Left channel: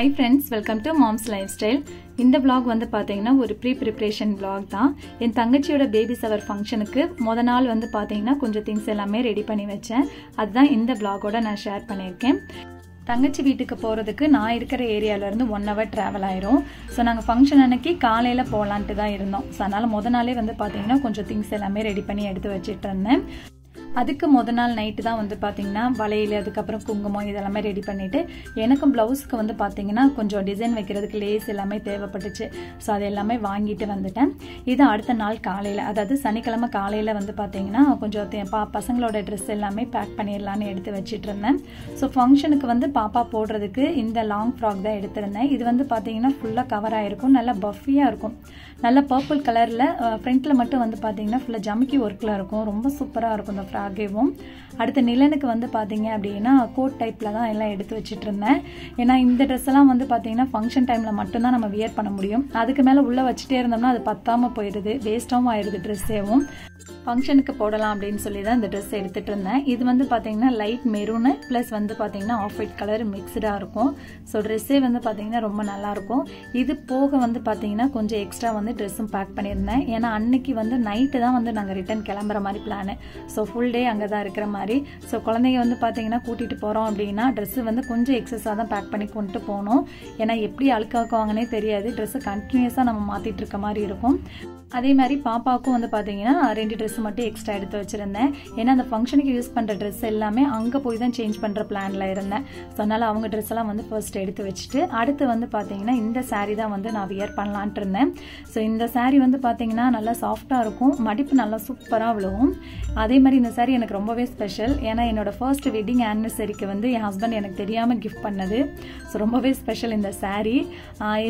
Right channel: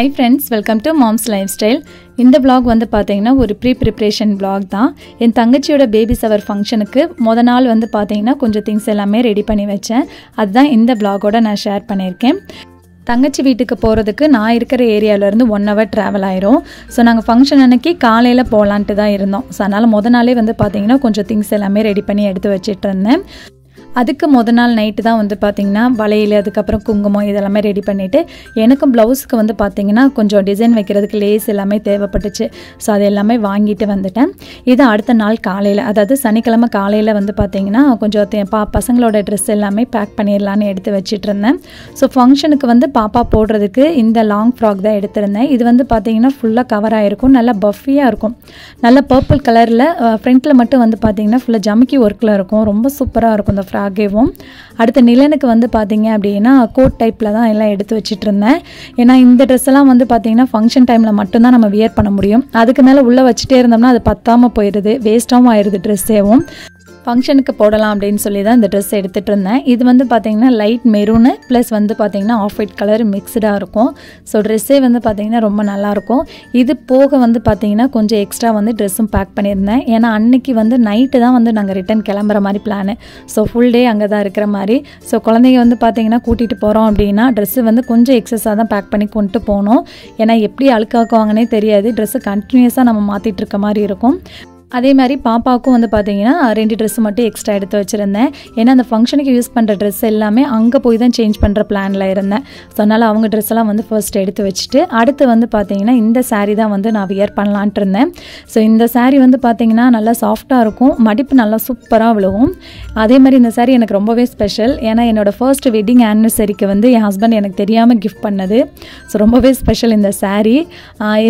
Hi friends, welcome to Mom's Lifestyle. இந்த vlog வந்து பாத்தீங்கன்னா ஒரு ப்ரீப்ரிப்பரேஷன் vlog தான். என் தங்கச்சியோட பேபி ஷவர் ஃபங்க்ஷனுக்கு முத நாள் வந்து பாத்தீங்கன்னா கொஞ்சம் things எல்லாமே ரெடி பண்ணி வச்சேன். அதுதான் இந்த vlog-ஓட நான் ஷேர் பண்ணியிருக்கேன். தங்கச்சி வீட்டுக்கு போகிறதுக்கு நான் இருக்கிற ஏரியாவிலேருந்து 1 hour ட்ராவல் ஆயிரும். ஸோ நாங்கள் ஃபங்க்ஷன் அன்னைக்கு காலையில் போகலான்ட்டு தான் இருந்தோம். ஸோ அதனால் முத நாளே வந்து பார்த்திங்கன்னா கொஞ்சம் திங்ஸ் எல்லாமே ரெடி பண்ணி எடுத்து வச்சிட்டு இருந்தேன். அதுக்கு முத நாள் நைட்டு தான் வந்து பார்த்திங்கன்னா வளையல், அதுக்கப்புறம் குங்குமம் இதெல்லாமே ரெடி பண்ணிவிட்டு எனக்கும் ப்ளவுஸுக்கு வந்து பார்த்திங்கன்னா கொஞ்சம் டிசைன் வைக்கிறதுக்கு லேஸ் எல்லாமே தேவைப்பட்டுச்சு. ஸோ அது எல்லாமே வாங்கிட்டு வந்துட்டேன். இது அடுத்த நாள் காலையில், அதாவது சனிக்கிழமை காலையில் வந்து பார்த்திங்கன்னா கொஞ்சம் பசங்களோட ட்ரெஸ் எல்லாமே பேக் பண்ணிடலான்னு எடுத்து வச்சிட்டு இருந்தேன். ஸோ ஃபங்க்ஷனுக்கு வந்து பாப்பா போடுறதுக்கு இந்த லாங் ஃப்ராக் தான் எடுத்திருந்தேன். இது வந்து பார்த்திங்கன்னா ஃபுல்லாக கவர் ஆகிருக்கும், நல்லா பஃபியாக இருக்கும், நல்ல பர்பிள் கலரில். ஃப்ரண்ட்டில் மட்டும் வந்து பார்த்திங்கன்னா ஃபுல்லாக ஜமிக்கி ஒர்க்கில் இருக்கும், ரொம்ப சூப்பராக இருக்கும் இந்த ஃப்ராகேவும். அடுத்த நிலனுக்கு வந்து பார்த்திங்க அப்படின்னா கோட் டைப்பில் தான் எல்லாம் எடுத்து வச்சிட்டு இருந்தேன். ஏன்னா இந்த ட்ரெஸ் எல்லாம் வந்து பார்த்திங்கன்னா ஃபங்க்ஷன் டைமில் மட்டும்தான் நம்ம வியர் பண்ண முடியும். அதுக்கு மேலே உள்ளே வச்சுட்டே இருந்தோம்னா அது பத்தாமல் போயிடுது, வேஸ்ட்டாகவும் ஆயிடுது ட்ரெஸ்ஸேவும். ஃபங்க்ஷனுக்கு போடலாம் அப்படின்னு சொல்லி தான் இந்த ட்ரெஸ் எடுத்துகிட்டு இருந்தேன். இது வந்து பார்த்திங்கன்னா லைட் மெரூனு ப்ளஸ் வந்து பார்த்திங்கன்னா ஆஃப் ஒயிட் கலர் மிக்ஸ்டாக இருக்கும். ஸோ ட்ரெஸ்ஸே வந்து பார்த்திங்கன்னா ரொம்ப நல்லாயிருக்கும். இது போக வந்து பார்த்திங்கன்னா கொஞ்சம் எக்ஸ்ட்ரா வந்து ட்ரெஸ்ஸும் பேக் பண்ணியிருந்தேன். ஏன்னா அன்றைக்கி வந்து நைட்டு தான் வந்து நாங்கள் ரிட்டன் கிளம்புற மாதிரி பிளானு. ஸோ ஃபுல் டே அங்கே தான் இருக்கிற மாதிரி. ஸோ குழந்தைங்க வந்து பார்த்திங்கன்னா கூட்டிகிட்டு போகிறோம் அப்படின்னா ட்ரெஸ்ஸு வந்து கொஞ்சம் எக்ஸஸாக தான் பேக் பண்ணி கொண்டு போகணும். ஏன்னா எப்படி அழுக்காக்குவாங்கன்னே தெரியாது, ட்ரெஸ்ஸு கண்டினியூஸாக நம்ம மாற்றிட்டு இருக்க மாதிரி இருக்கும். அதே மாதிரி பாப்பாவுக்கும் வந்து பார்த்திங்கன்னா 2 ட்ரெஸ்ஸு மட்டும் எக்ஸ்ட்ரா எடுத்து வச்சுருந்தேன். ஏன்னா அந்த ஃபங்க்ஷனுக்கு யூஸ் பண்ணுற ட்ரெஸ் எல்லாமே அங்கே போய் தான் சேஞ்ச் பண்ணுற பிளானில் இருந்தேன். ஸோ அதனால் அவங்க ட்ரெஸ் எல்லாம் வந்து ஃபர்ஸ்ட் எடுத்து வச்சுட்டு அடுத்து வந்து பார்த்திங்கன்னா இந்த சாரீ தான் வந்து நான் வியர் பண்ணலான்ட்டு இருந்தேன். ஸோ இந்த சாரீ வந்து பார்த்திங்கன்னா நல்லா சாஃப்டாக இருக்கும், மடிப்பு நல்லா சூப்பராக விழுவும். அதே மாதிரி இந்த சாரீ எனக்கு ரொம்பவே ஸ்பெஷல். ஏன்னா என்னோடய ஃபர்ஸ்ட் வெட்டிங் ஆனிவர்சரிக்கு வந்து என் ஹஸ்பண்ட் எனக்கு தெரியாமல் கிஃப்ட் பண்ணது. ஸோ ரொம்பவே ஸ்பெஷல் இந்த சாரீ.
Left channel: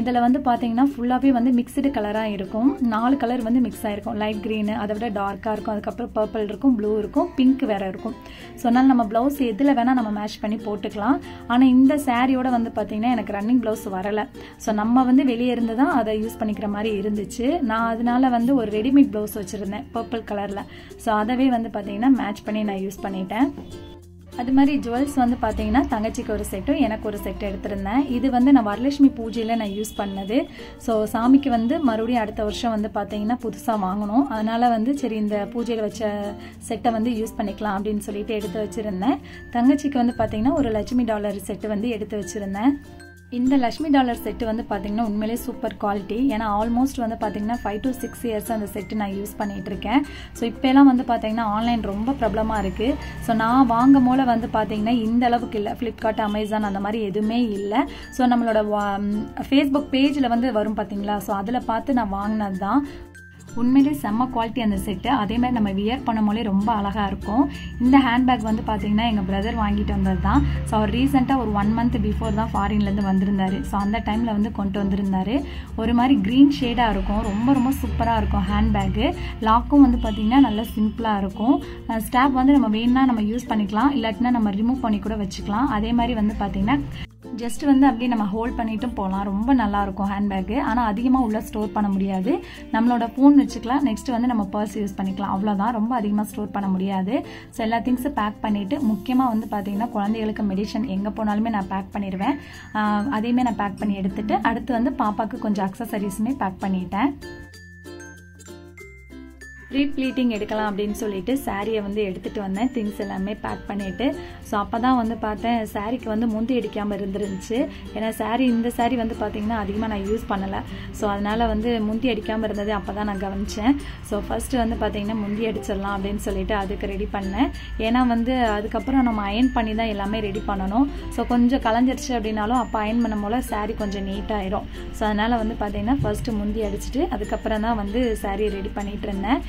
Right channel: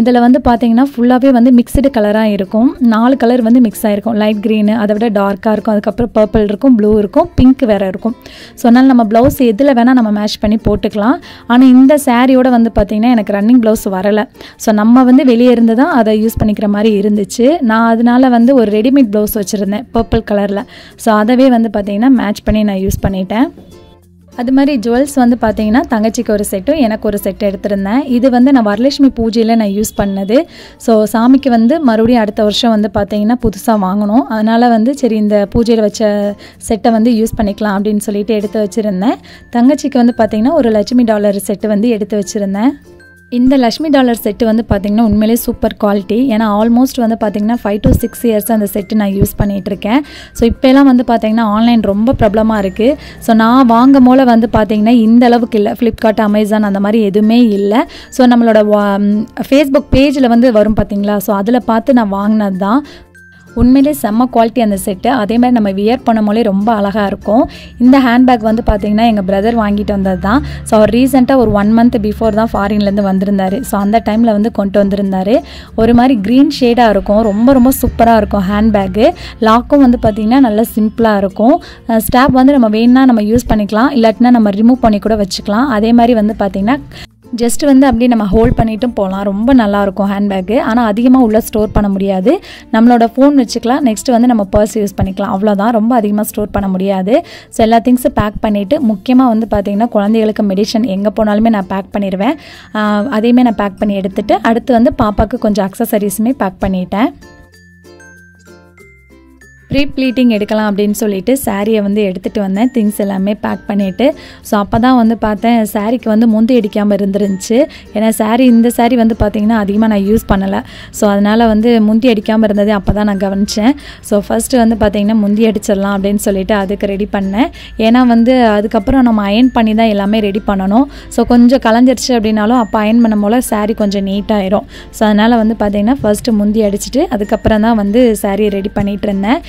இதில் வந்து பார்த்திங்கன்னா ஃபுல்லாகவே வந்து மிக்சடு கலராக இருக்கும். 4 கலர் வந்து மிக்ஸ் ஆகிருக்கும். லைட் க்ரீனு, அதை விட டார்க்காக இருக்கும், அதுக்கப்புறம் பர்பிள் இருக்கும், ப்ளூ இருக்கும், பிங்க் வேறு இருக்கும். ஸோ அதனால் நம்ம ப்ளவுஸ் எதில் வேணால் நம்ம மேட்ச் பண்ணி போட்டுக்கலாம். ஆனால் இந்த சாரியோட வந்து பார்த்திங்கன்னா எனக்கு ரன்னிங் ப்ளவுஸ் வரலை. ஸோ நம்ம வந்து வெளியே இருந்து தான் அதை யூஸ் பண்ணிக்கிற மாதிரி இருந்துச்சு. நான் அதனால் வந்து ஒரு ரெடிமேட் ப்ளவுஸ் வச்சுருந்தேன் பர்பிள் கலரில். ஸோ அதவே வந்து பார்த்திங்கன்னா மேட்ச் பண்ணி நான் யூஸ் பண்ணிட்டேன். அது மாதிரி ஜுவல்ஸ் வந்து பார்த்திங்கன்னா தங்கச்சிக்கு ஒரு செட்டும் எனக்கு ஒரு செட் எடுத்திருந்தேன். இது வந்து நான் வரலட்சுமி பூஜையில் நான் யூஸ் பண்ணது. ஸோ சாமிக்கு வந்து மறுபடியும் அடுத்த வருஷம் வந்து பார்த்திங்கன்னா புதுசாக வாங்கணும். அதனால் வந்து சரி இந்த பூஜையில் வச்ச செட்டை வந்து யூஸ் பண்ணிக்கலாம் அப்படின்னு சொல்லிட்டு எடுத்து வச்சுருந்தேன். தங்கச்சிக்கு வந்து பார்த்திங்கன்னா ஒரு லட்சுமி டாலர் செட்டு வந்து எடுத்து வச்சுருந்தேன். இந்த லக்ஷ்மி டாலர் செட்டு வந்து பார்த்திங்கன்னா உண்மையிலே சூப்பர் குவாலிட்டி. ஏன்னா ஆல்மோஸ்ட் வந்து பார்த்திங்கன்னா 5 to 6 years அந்த செட்டு நான் யூஸ் பண்ணிகிட்ருக்கேன். ஸோ இப்போலாம் வந்து பார்த்திங்கன்னா ஆன்லைன் ரொம்ப ப்ராப்ளமாக இருக்குது. ஸோ நான் வாங்கும் போல வந்து பார்த்திங்கன்னா இந்த அளவுக்கு இல்லை, ஃப்ளிப்கார்ட், அமேசான் அந்த மாதிரி எதுவுமே இல்லை. ஸோ நம்மளோட ஃபேஸ்புக் பேஜில் வந்து வரும் பார்த்திங்களா, ஸோ அதில் பார்த்து நான் வாங்கினது தான். உண்மையிலே செம்ம குவாலிட்டி அந்த செட்டு. அதே மாதிரி நம்ம வியர் பண்ணும் போலே ரொம்ப அழகாக இருக்கும். இந்த ஹேண்ட்பேக் வந்து பார்த்திங்கன்னா எங்கள் பிரதர் வாங்கிட்டு வந்தது தான். ஸோ அவர் ரீசெண்டாக ஒரு 1 month பிஃபோர் தான் ஃபாரின்லேருந்து வந்திருந்தார். ஸோ அந்த டைமில் வந்து கொண்டு வந்திருந்தார். ஒரு மாதிரி க்ரீன் ஷேடாக இருக்கும், ரொம்ப ரொம்ப சூப்பராக இருக்கும் ஹேண்ட்பேக்கு. லாக்கும் வந்து பார்த்திங்கன்னா நல்லா சிம்பிளாக இருக்கும். ஸ்டாப் வந்து நம்ம வேணுன்னா நம்ம யூஸ் பண்ணிக்கலாம், இல்லாட்டினா நம்ம ரிமூவ் பண்ணி கூட வச்சுக்கலாம். அதே மாதிரி வந்து பார்த்திங்கன்னா ஜஸ்ட் வந்து அப்படியே நம்ம ஹோல்ட் பண்ணிட்டும் போகலாம், ரொம்ப நல்லாயிருக்கும் ஹேண்ட்பேக்கு. ஆனால் அதிகமாக உள்ளே ஸ்டோர் பண்ண முடியாது. நம்மளோட ஃபோன் வச்சுக்கலாம், நெக்ஸ்ட்டு வந்து நம்ம பர்ஸ் யூஸ் பண்ணிக்கலாம், அவ்வளோதான். ரொம்ப அதிகமாக ஸ்டோர் பண்ண முடியாது. ஸோ எல்லா திங்ஸும் பேக் பண்ணிவிட்டு முக்கியமாக வந்து பார்த்திங்கன்னா குழந்தைகளுக்கு மெடிசன் எங்கே போனாலுமே நான் பேக் பண்ணிடுவேன். அதையுமே நான் பேக் பண்ணி எடுத்துகிட்டு அடுத்து வந்து பாப்பாவுக்கு கொஞ்சம் அக்சசரிஸுமே பேக் பண்ணிட்டேன். ப்ரீ ப்ளீட்டிங் எடுக்கலாம் அப்படின்னு சொல்லிட்டு சாரியை வந்து எடுத்துகிட்டு வந்தேன், திங்ஸ் எல்லாமே பேக் பண்ணிவிட்டு. ஸோ அப்போ தான் வந்து பார்த்தேன் சாரிக்கு வந்து முந்தி அடிக்காமல் இருந்துருந்துச்சு. ஏன்னா இந்த சாரி வந்து பார்த்திங்கன்னா அதிகமாக நான் யூஸ் பண்ணலை. ஸோ அதனால் வந்து முந்தி அடிக்காமல் இருந்தது அப்போ தான் நான் கவனித்தேன். ஸோ ஃபஸ்ட்டு வந்து பார்த்திங்கன்னா முந்தி அடிச்சிடலாம் அப்படின்னு சொல்லிட்டு அதுக்கு ரெடி பண்ணேன். ஏன்னா வந்து அதுக்கப்புறம் நம்ம அயன் பண்ணி தான் எல்லாமே ரெடி பண்ணணும். ஸோ கொஞ்சம் கலைஞ்சிருச்சு அப்படின்னாலும் அப்போ அயன் பண்ணும் போல் சாரி கொஞ்சம் நீட்டாகிடும். ஸோ அதனால் வந்து பார்த்திங்கன்னா ஃபஸ்ட்டு முந்தி அடிச்சுட்டு அதுக்கப்புறம் தான் வந்து சாரியை ரெடி பண்ணிகிட்டு இருந்தேன்.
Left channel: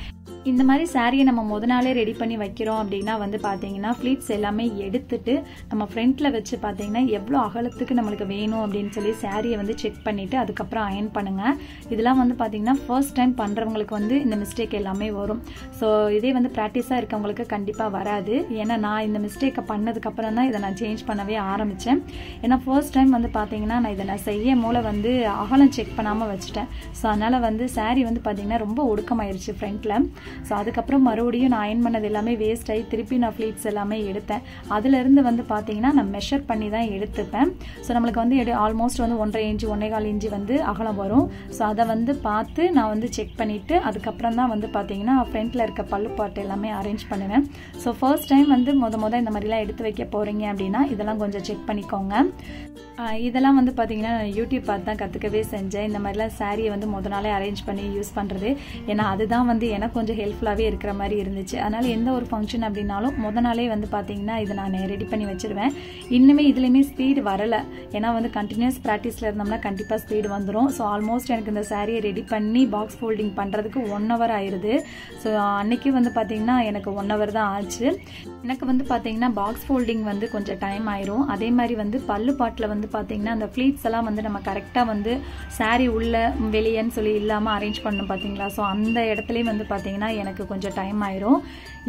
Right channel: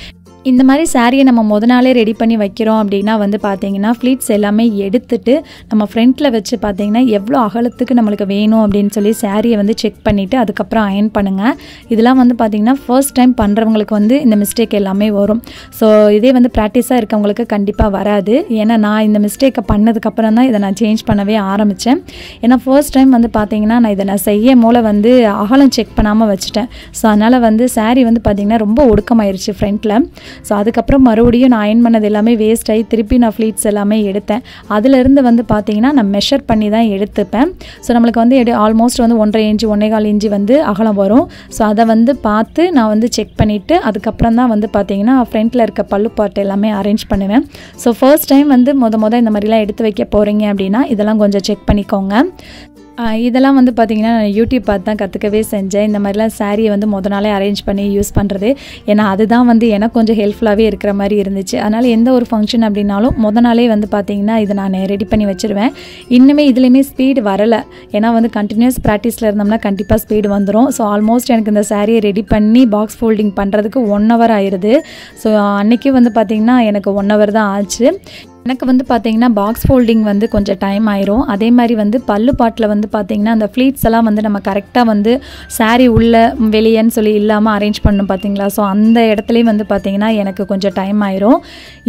இந்த மாதிரி சாரியை நம்ம முத நாளே ரெடி பண்ணி வைக்கிறோம் அப்படின்னா வந்து பார்த்திங்கன்னா ஃப்ளீட்ஸ் எல்லாமே எடுத்துட்டு நம்ம ஃப்ரண்ட்டில் வச்சு பார்த்திங்கன்னா எவ்வளோ அகலத்துக்கு நம்மளுக்கு வேணும் அப்படின்னு சொல்லி சாரியை வந்து செக் பண்ணிவிட்டு அதுக்கப்புறம் அயன் பண்ணுங்கள். இதெல்லாம் வந்து பார்த்திங்கன்னா ஃபர்ஸ்ட் டைம் பண்ணுறவங்களுக்கு வந்து இந்த மிஸ்டேக் எல்லாமே வரும். ஸோ இதே வந்து ப்ராக்டிஸாக இருக்கவங்களுக்கு கண்டிப்பாக வராது. ஏன்னா நான் இந்த மிஸ்டேக்கை பண்ணதுக்கப்புறம் தான் இதை நான் சேஞ்ச் பண்ணவே ஆரம்பித்தேன். ஏன்னா ஃபர்ஸ்ட் டைம் வந்து பார்த்திங்கன்னா நான் செய்யும் போல் வந்து அகலம் செக் பண்ணாமல் வச்சுட்டேன். ஸோ அதனால் வந்து சாரி வந்து பார்த்திங்கன்னா ரொம்ப ஒடுக்கமாயிருச்சு ஃப்ரண்ட்டில். ஸோ அதுக்கப்புறம் மறுபடியும் நான் அயன் பண்ணது எல்லாமே வேஸ்ட் ஆகி திருப்பி நான் ஃப்ளீட்ஸ் எல்லாமே எடுத்தேன். அதிலிருந்து வந்து பார்த்திங்கன்னா நான் மெஷர் பண்ணி தான் எடுத்துப்பேன். ஸோ நம்மளுக்கு வந்து ஆல்மோஸ்ட் வந்து 1.5 இன்ச்சு 1.25 இன்ச்சு வந்து அகலம் வரும். ஸோ அதை வந்து பார்த்து நான் வந்து செக் பண்ணிவிட்டு அதுக்கப்புறம் தான் வந்து பார்த்திங்கன்னா ஃப்ரண்ட்டில் இருக்க பல்லு பாட்டு எல்லாமே அரேஞ்ச் பண்ணுவேன். ஸோ ஃபர்ஸ்ட் டைம் வந்து இந்த மாதிரிலாம் எடுத்து வைக்க போகிறீங்க அப்படின்னா இதெல்லாம் கொஞ்சம் செக் பண்ணிக்கோங்க. இதெல்லாம் வந்து பார்த்திங்கன்னா நான் யூடியூப் பார்த்து தான் கற்றுக்கவே செஞ்சேன். இந்த மாதிரிலாம் சாரியை வந்து நாளே அரேஞ்ச் பண்ணி யூஸ் பண்ணுறது. ஏன்னா அதுதான் வந்து எனக்கு கொஞ்சம் ஹெல்ப்ஃபுல்லாகவே இருக்கிற மாதிரி இருந்துச்சு. அதனால் எந்த ஒரு ஃபங்க்ஷன் அப்படின்னாலும் நாளே வந்து பார்த்திங்கன்னா இதை நான் ரெடி பண்ணி வச்சுருவேன். இன்னுமே இதுலேயுமே ஸ்பீடு வரலை. ஏன்னா வந்து கண்டினியூஸ் ப்ராக்டிஸில் இருந்தோம்னா கண்டிப்பாக ஸ்பீடு வந்துடும். ஸோ ஆல்மோஸ்ட் எனக்கு இந்த சாரியை ரெடி பண்ணி பாக்ஸ் ஃபோல்டிங் பண்ணுறதுக்கு 1 hour ஆயிடுது. ஸோ அன்றைக்கி வந்து பார்த்திங்கன்னா எனக்கு 1 hour தான் ஆச்சு. எனக்கு வந்து பார்த்திங்கன்னா பாக்ஸ் ஃபோல்டிங் வந்து கொஞ்சம் டைம் ஆயிரும். அதே மாதிரி வந்து பல்லு பாட்டில் வந்து பார்த்திங்கன்னா அந்த ஃப்ளீட்ஸ் எல்லாம் வந்து நம்ம கரெக்டாக வந்து சாரீ உள்ளே வெளியேன்னு சொல்லி இல்லாமல் அரேஞ்ச் பண்ணணும் பார்த்திங்களா. ஸோ அந்த இடத்துலையும் வந்து பார்த்திங்கன்னா எனக்கு கொஞ்சம் டைம் ஆயிரும்.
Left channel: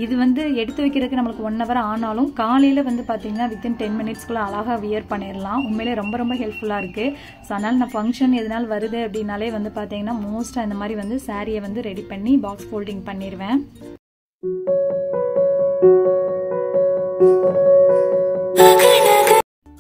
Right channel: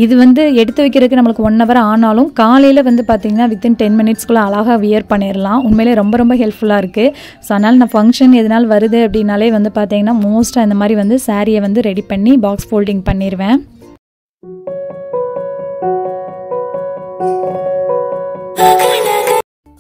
இது வந்து எடுத்து வைக்கிறதுக்கு நம்மளுக்கு 1 hour ஆனாலும் காலையில் வந்து பார்த்திங்கன்னா வித்தின் 10 minutesக்குள்ளே அழகாக வியர் பண்ணிடலாம். உண்மையிலே ரொம்ப ரொம்ப ஹெல்ப்ஃபுல்லாக இருக்குது. ஸோ அதனால் நான் ஃபங்க்ஷன் எதனால் வருது அப்படின்னாலே வந்து பார்த்திங்கன்னா மோஸ்ட்டாக இந்த மாதிரி வந்து சாரியை வந்து ரெடி பண்ணி பாக்ஸ் ஃபோல்டிங் பண்ணிடுவேன்.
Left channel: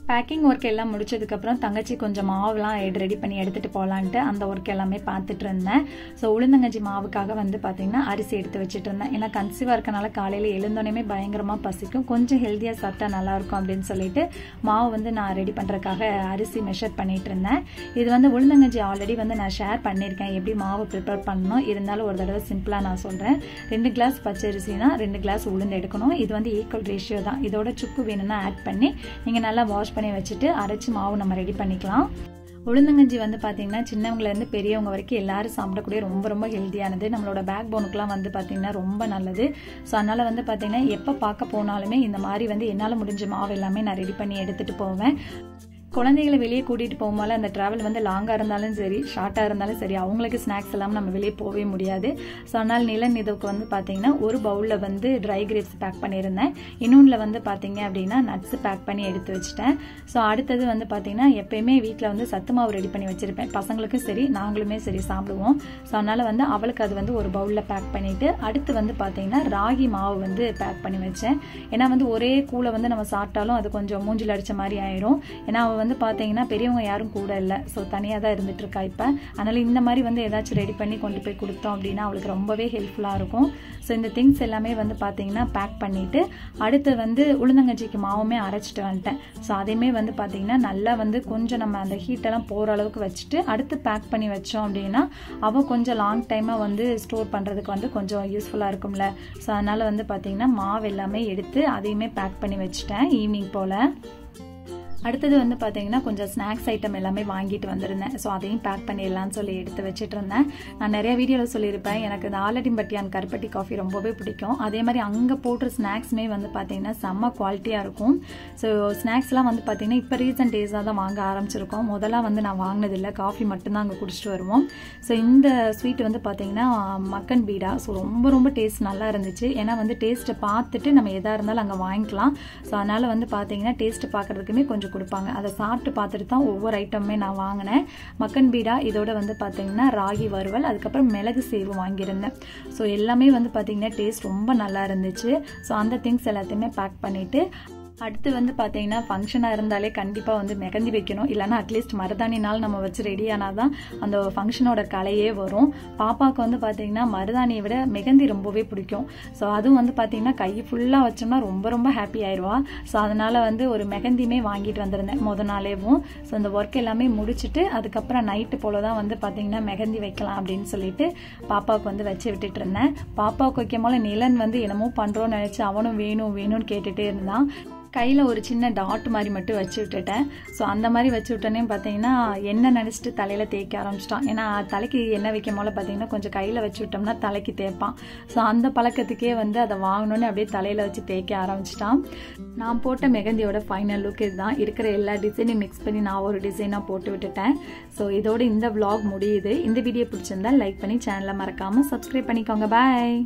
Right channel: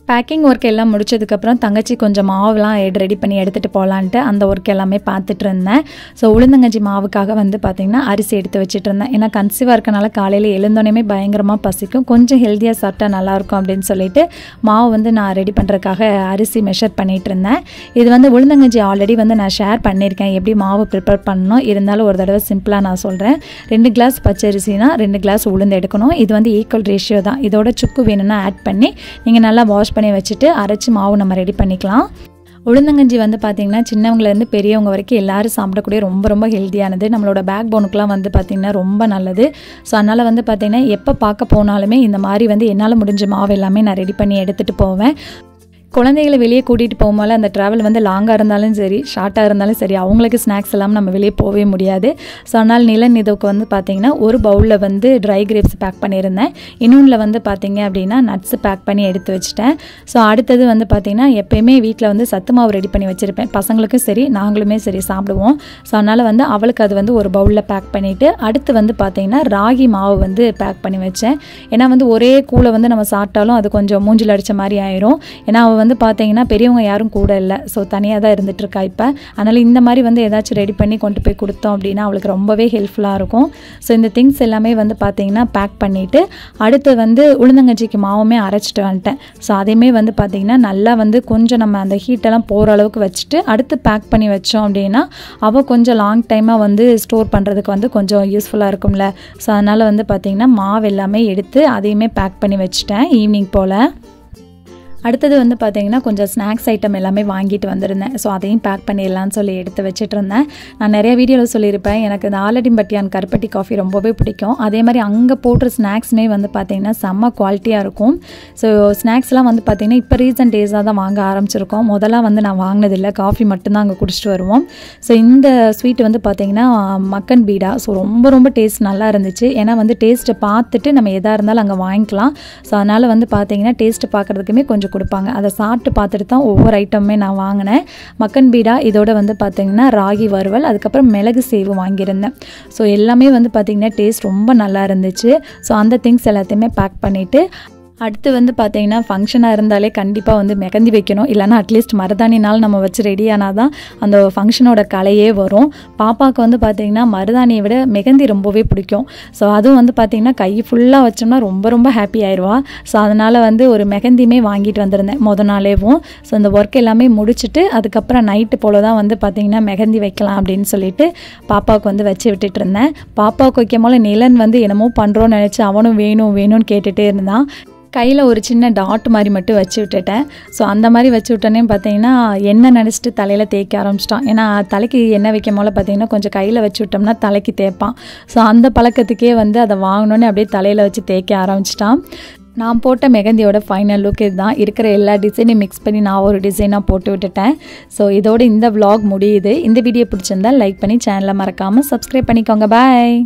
பேக்கிங் ஒர்க் எல்லாம் முடிச்சதுக்கப்புறம் தங்கச்சி கொஞ்சம் மாவுலாம் ரெடி பண்ணி எடுத்துகிட்டு போகலான்ட்டு அந்த ஒர்க் எல்லாமே பார்த்துட்டு இருந்தேன். ஸோ உளுந்தங்கஞ்சி மாவுக்காக வந்து பார்த்திங்கன்னா அரிசி எடுத்து வச்சுட்டு இருந்தேன். ஏன்னா கன்சீவாக இருக்கனால காலையில் எழுந்தோடனே பயங்கரமாக பசிக்கும், கொஞ்சம் ஹெல்த்தியாக சாப்பிட்டா நல்லாயிருக்கும் அப்படின்னு சொல்லிட்டு மாவு வந்து நான் ரெடி பண்ணுறதுக்காக அரிசி மெஷர் பண்ணிகிட்டு இருந்தேன். இது வந்து உளுந்தங்கஞ்சி ஆல்ரெடி வந்து நான் ஷேர் பண்ணியிருக்கேன் எப்படி மாவு ப்ரிப்பேர் பண்ணணும். இருந்தாலும் ஒரு தடவை சிம்பிளாக நான் சொல்கிறேன். 2 கிளாஸ் பச்சரிசினா 2 கிளாஸ் உளுந்து எடுக்கணும். இது வந்து ஈக்குவல் ரேஷியோ தான். இதோட சுக்கு வேணும்னா ஆட் பண்ணி நீங்கள் நல்லா வாஷ் பண்ணி வச்சுட்டு அரைச்சி மாவு நம்ம ரெடி பண்ணிக்கலாம். உளுந்தங்கஞ்சி வந்து பார்த்திங்கன்னா சின்னவங்கலேருந்து பெரியவங்க வரைக்கும் எல்லோரும் சாப்பிடக்கூடிய ரொம்ப ரொம்ப ஹெல்த்தியானது. நம்மளோட பேக் போனுக்குலாம் வந்து பார்த்திங்கன்னா ரொம்ப நல்லது. ஸோ அதனால் வந்து பார்த்திங்கன்னா எப்போ பார்க்க போனாலுமே இந்த மாதிரி வந்து என்னால் முடிஞ்ச மாவு எல்லாமே நான் ரெடி பண்ணி எடுத்துகிட்டு போவேன். குழந்தைகளை வெளியே கூட்டிகிட்டு போகும்போது அந்த ட்ராவல் வந்து லாங்காக இருந்தாலும் சரி ஷார்ட்டாக இருந்தாலும் சரி அவங்களுக்கு ஸ்நாக்ஸ் எல்லாம் நம்ம வெளியே போகவே முடியாது. ஸோ அதனால் நிலன் இதுக்கு வந்து பார்த்திங்கன்னா ஒரு பவுலில் வந்து ட்ரை கிரேப்ஸ் பேக் பண்ணியிருந்தேன். இன்னொன்றில் வந்து பார்த்திங்க அப்படின்னா நட்ஸு பேக் பண்ணி எடுத்து வச்சுட்டேன். ஸோ அடுத்தது வந்து பார்த்திங்கன்னா எப்போயுமே வீட்டில் வந்து சத்து மாவு ரெடி பண்ணி வச்சுருப்பேன். பசங்களுக்கும் சரி நாங்களுமே சரி சாப்பிடுவோம். ஸோ அதனால் வந்து அவளுக்கு அது வந்து ஒரு பவுலில் பேக் பண்ணிவிட்டு அடுத்து வந்து பார்த்திங்கன்னா ராகி மாவு வந்து பேக் பண்ணி வச்சேன். ஏன்னா வந்து ஒரே கூழை வந்து நம்ம சாப்பிட்டாலும் அது கொஞ்சம் மூஞ்சில் அடித்த மாதிரி ஆயிரும். ஏன்னா அவள் வந்து பார்த்தீங்கன்னா பெரியவங்க யாரும் கூட இல்லை. ஸோ தனியாக தான் இருந்துகிட்ருக்கா இப்போ. அதனால் இந்த மாதிரி வந்து ஏதாச்சும் ரெடி பண்ணி கொண்டு போய் கொடுத்தோம் அப்படின்னா அவளுக்கு ரொம்பவே ஹெல்ப்ஃபுல்லாக இருக்கும். ஸோ இந்த திங்ஸ் எல்லாமே வந்து பார்த்திங்கன்னா பேக் பண்ணிவிட்டு அடுத்து வந்து உளுந்தங்கஞ்சிக்கு மாவுமே அரைச்சிட்டு வந்துட்டேன். ஸோ அதையுமே வந்து பார்த்திங்கன்னா நல்லா வந்து கொஞ்சம் நம்ம அந்த ஹீட்டெல்லாம் போகிற அளவுக்கு வச்சுட்டு அடுத்து பேக் பண்ணி வச்சோம் அப்படின்னா அவள் கொஞ்சம் லாங் டைமாக வந்து ஸ்டோர் பண்ணுறதுக்கு வந்து கொஞ்சம் யூஸ்ஃபுல்லாக இருக்கும்ல. ஸோ அதனால் வந்து பார்த்திங்கன்னா மாவு எல்லாமே எடுத்து அதையுமே பேக் பண்ணி வச்சுட்டேன் ஈவினிங் போல். அடுத்தது வந்து பார்த்திங்கன்னா கொஞ்சம் ஸ்நாக்ஸ் ஐட்டம் எல்லாமே வாங்கிட்டு வந்திருந்தேன். ஸோ அதையும் பேக் பண்ணிடலான்னு சொல்லி எடுத்து வச்சுட்டு இருந்தேன். நான் நிறைய வீடியோவில் சொல்லியிருப்பேன் எனக்கு இந்த ஆலடிம்பட்டியான் கருப்பட்டி காஃபி ரொம்பவே பிடிக்கும். அதே மாதிரி அங்கே போடுற ஸ்நாக்ஸுமே வந்து பார்த்திங்கன்னா செம்ம குவாலிட்டியாக இருக்கும். ஸோ ஸ்நாக்ஸ்லாம் வந்து பார்த்திங்கன்னா இப்போ ரீசன்ட் டேஸாக தான் வாங்க ஆரம்பிச்சிருக்கோம். முதல்ல வந்து நான் வாங்கினதில்லை, காஃபி மட்டும்தான் அங்கே குடிச்சிட்டு வருவோம். ஸோ இந்த ஸ்வீட் வந்து பார்த்திங்கன்னா மக்கன் பீடா. ஸோ ரொம்ப ரொம்ப டேஸ்ட் நல்லா இருந்துச்சு. ஏன்னா வந்து டேஸ்ட்டை பார்த்துட்டு நம்ம எதாக இருந்தாலும் அங்கே வாங்கிக்கலாம். ஸோ அதனால் வந்து பார்த்திங்கன்னா டேஸ்ட்டு பார்க்குறதுக்குமே கொஞ்சம் கொடுப்பாங்க. அதை சாப்பிட்டு பார்த்துட்டு தான் ஒவ்வொரு ஐட்டமே நான் வாங்கினேன். மக்கன் பீடா இதோட வந்து பார்த்திங்கன்னா ராகி வறுவல் அதுக்கப்புறம் மிளகு சேவு வாங்கியிருந்தேன். ஸோ எல்லாமே வந்து பார்த்திங்கன்னா டேஸ்ட் ரொம்ப நல்லா இருந்துச்சு. ஸோ அந்த திங்ஸ் எல்லாத்தையுமே பேக் பண்ணிவிட்டு அடுத்து வந்து பார்த்திங்கன்னா ஃபங்க்ஷனாக இருந்தாலே கண்டிப்பாக வந்து மெகந்தி வைக்கணும். இல்லைனா அட்லீஸ்ட் மருதாணினால் நம்ம வச்சு ரெடி ஆனால் தான் அந்த ஃபங்க்ஷனோட கலையே வரும். பாப்பாவுக்கு வந்து பார்த்திங்கன்னா மருதாணியை விட மெகந்தி ரொம்பவே பிடிக்கும். ஸோ அதுவும் வந்து பார்த்திங்கன்னா கை ஃபுல்லாக வச்சோம்னா ரொம்ப ரொம்ப ஹாப்பி ஆயிடுவா. ஸோ அதனால் வந்து ஒரு மெகந்தியுமே வாங்கிட்டு வந்திருந்தேன் நாளேவும். ஸோ இந்த ஒர்க் எல்லாமே முடிச்சுட்டு அதுக்கப்புறம் நைட்டு போல் தான் வந்து பார்த்திங்கன்னா மெகந்தி வைக்கலாம் அப்படின்னு சொல்லிட்டு பாப்பாவுக்கு வந்து வச்சு விட்டுட்டு இருந்தேன். பாப்பாவுக்கு வைக்கும் போல் நிலன் வந்து என்னமோ பண்ணுறோன்னு நினச்சி அவனும் வேணும் வேணும்னு கேட்டுகிட்டே இருந்தான். கையில் ஒரு சின்ன டாட் மாதிரி மட்டும் வச்சு விட்டுட்டேன். ஸோ அந்த மாதிரி வச்சு விட்டோன்னே பார்த்தீங்கன்னா எண்ணெய் நினச்சிட்டு தலையில் தேய்க்க ஆரம்பிச்சிட்டான். ஏன்னா தலைக்கு எண்ணெய் வைக்கும் போல பார்த்தீங்கன்னா கொஞ்சம் கையில் வச்சு விட்டோம்னா தலைக்கு தேய்ப்பான். ஸோ அந்த பழக்கத்துக்கே வந்து அதை வாங்கினோன்னே அப்படியே தலையில் வச்சு தேய்க்க ஆரம்பிச்சிட்டான். நான் போட்ட மெகந்தியோட ஃபைனல் லுக் இதுதான். இருக்கிற எல்லா டிசைனையும் மிக்ஸ் பண்ணி நான் ஒரு டிசைனாக போட்டு விட்டுட்டேன். ஸோ இதோட இந்த vlog முடியுது. இந்த வீடியோ பிடிச்சிருந்தா லைக் பண்ணி சேனலை மறக்காமல் சப்ஸ்கிரைப் பண்ணிக்கோங்க. பாய்.